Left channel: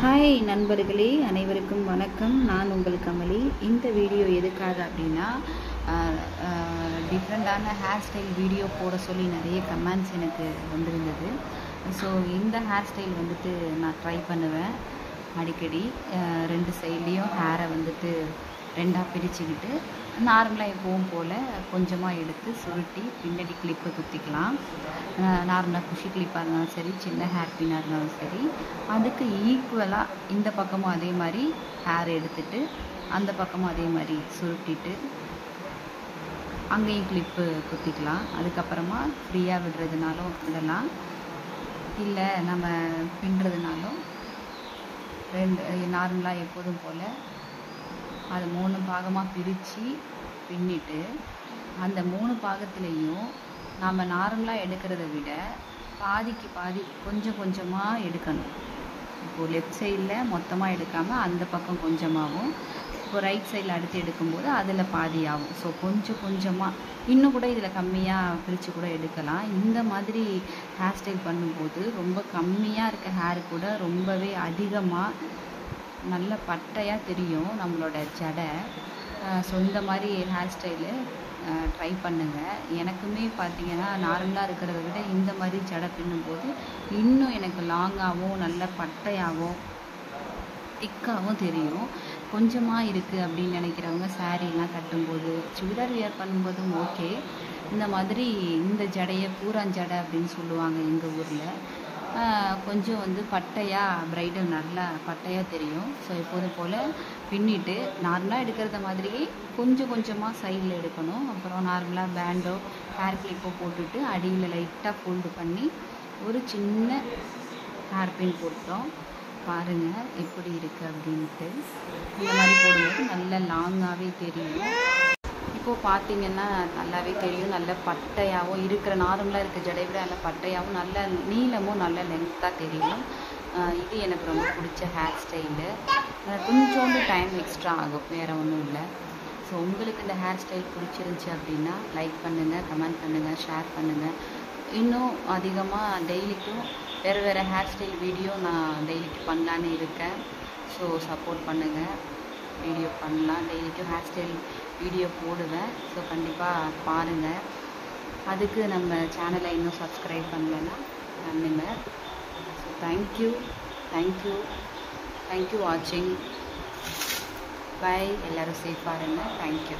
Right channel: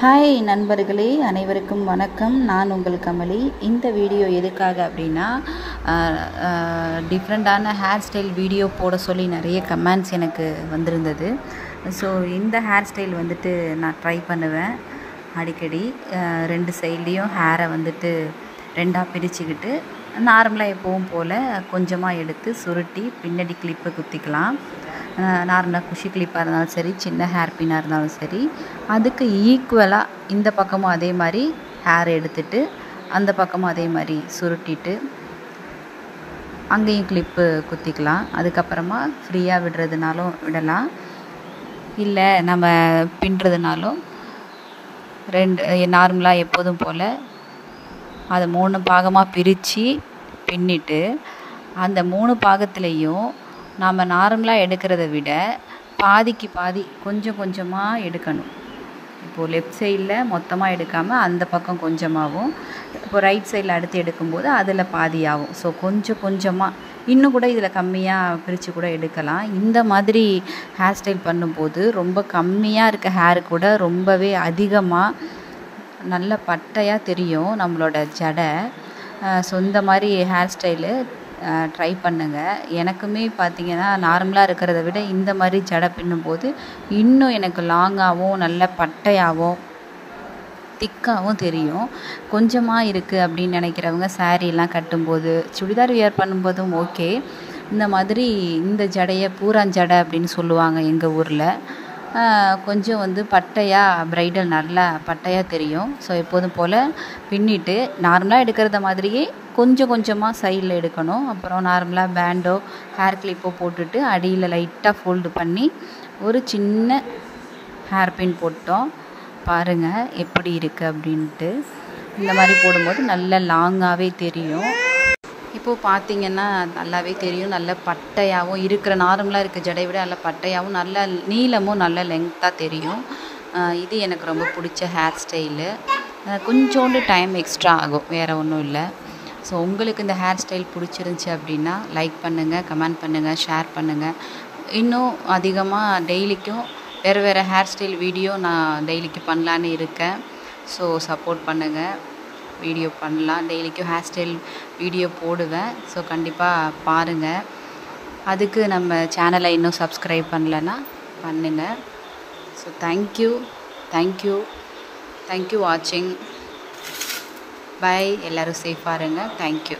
Hi நண்பர்களே, அனைவருக்கும் வணக்கம். நான் உங்கள் கமலி. இந்த வீடியோ எதுக்காக அப்படின்னா, டிஃப்ரெண்ட்டான ஹேர் ஸ்டைல் வீடியோ போட சொல்லி நிறைய கமெண்ட்ஸ் எனக்கு வந்திருந்தது. ஸோ இந்த ஹேர் ஸ்டைல் வந்துட்டு நான் ட்ரை பண்ணுவேன் அடிக்கடி. ரெண்டு சைட்லேயும் ஹேரை வந்துட்டு ரெண்டாக பிரிச்சுக்கிட்டு நார்மலாக எப்பவும் போல் கொஞ்சமாக எடுத்து சுருட்டி பின்னாடி கிளிப்பை குத்திக்கலாம். நார்மலாக குஷி கிளிப்பாக இருந்தாலும் சரி, சின்ன ஹேர் பின்னாக இருந்தாலும் சரி, அதுக்கு ஈக்குவலாக இந்த பக்கமும் அதே மாதிரி ஹேர் எடுத்துட்டு அந்த பக்கமும் அதே மாதிரி சுருட்டிட்டு அங்கேயும் கிளிப்பு குத்திக்கலாம். அதுக்கப்புறமா ஃப்ரீயாக விடுறதுனாலும் விடலாம், இல்லை நம்ம பின்னுறதுனாலும் நார்மலாக எப்போதும் போல் அதை 3 பாகமாக பிரித்து பின்னிட்டு அந்த 3 பாகத்துலேயும் நாம் நார்மலாக எடுக்கிறத விட பாதிக்கு பாதி கொஞ்சம் கொஞ்சமாக எடுக்கணும். இப்போது லெஃப்ட் சைடில் மொத்தமாக எடுக்காமல் அந்த பக்கம் கொஞ்சமாகவும், இப்போ ரைட் சைடில் அடுத்து எடுக்கும்போது அதில் பாதியாகும். ஸோ கொஞ்சம் கொஞ்சமாக இன்னும் கூட இதில் கம்மியாக பிரித்து கூட எடுக்கலாம். இந்த மாதிரி ஹேர் ஸ்டைல் பண்ணும்போது ரொம்ப கம்மியாக இருக்க ஹேர் கூட ரொம்பவே அதிகமாக நல்ல பட்டையாக தெரியும் நம்மளோட ஜடை. ஸோ இந்த மாதிரி ஹேர் ஸ்டைலு ட்ரை பண்ணுங்கள். எனக்குமே பார்த்திங்கன்னா நார்மலாக இருக்கிறத விட இந்த மாதிரி ஜடை பின்னும்போது இன்னும் எனக்கு லாங்காகவும் நல்ல பட்டையாகவும் திக்காகவும் தெரியும். கொஞ்சமாக இருக்குது அப்படின்னு நினைக்கிறவங்க சாரீலாம் கட்டும்போது, சுடிதார் வியர் பண்ணும்போதும் ஓகே. இந்த மாதிரி இந்த ஜடையை பூராஞ்சடை அப்படின்னு சொல்லுவாங்க எங்கள் ஊரில். கொஞ்சம் வந்து பட்டையாக ப்ரைடல் நல்லா பட்டையாக தெரியும். ஸோ எப்போதும் போல் பின்னிட்டு நார்மலாக எடுக்கிறத மாதிரியே கொஞ்சம் கொஞ்சமாக சைடில் எடுக்கணும். அப்புறம் நார்மலாக பேண்டோ ஹேர் கிளிப்போ போட்டுட்டு அடியில் லைட்டாக ஃபோல்டு பண்ணி ஒரு சின்ன ஹேர் பின் போட்டோம். பாருங்கள் எப்படி இருக்குது அப்படின்ட்டு. இந்த மாதிரி போடும்போது நல்ல லாங்காகவே தெரியும். இப்போது பார்த்திங்கன்னா நல்லாவே தெரியும், நல்ல பட்டையாகவும் இருக்கிற நார்மலாக இருக்க ஜடை விட நல்ல பட்டையாகவும் நல்ல நீளமும் நல்ல லெங்க்த்தாக தெரியும். இது எனக்கு ரொம்ப பிடிச்ச ஹேர் ஸ்டைலு. கொஞ்சோண்டு டைம் எக்ஸ்ட்ரா ஆகும், வேறு ஒன்றும் இல்லை. ஸோ உங்களுக்கு இந்த ஹேர் ஸ்டைல் பிடிச்சிருந்துச்சி அப்படின்னா லைக் பண்ணுங்கள், கமெண்ட் பண்ணுங்கள், ஷேர் பண்ணுங்கள். இன்னும் அதிகமாக டெய்லிக்கும் வேறு ஹேர் ஸ்டைல் வீடியோ நான் டெய்லிக்கு பண்ணலான்னு இருக்கேன். ஸோ சப்போர்ட் பண்ணுங்கள். வீடியோ பண்ணலாம், டெய்லிக்கும் ஹேர் ஸ்டைல் வீடியோ போடுவேன். ஸோ கண்டிப்பாக பாருங்கள். அதுக்கு நம்ம சேனலை இன்னும் சப்ஸ்கிரைப் பண்ணலைன்னா பண்ணுங்கள். ஸோ தேங்க்யூ வாட்சிங். பை. எல்லோரும் சேஃபாக இருங்க. தேங்க்யூ.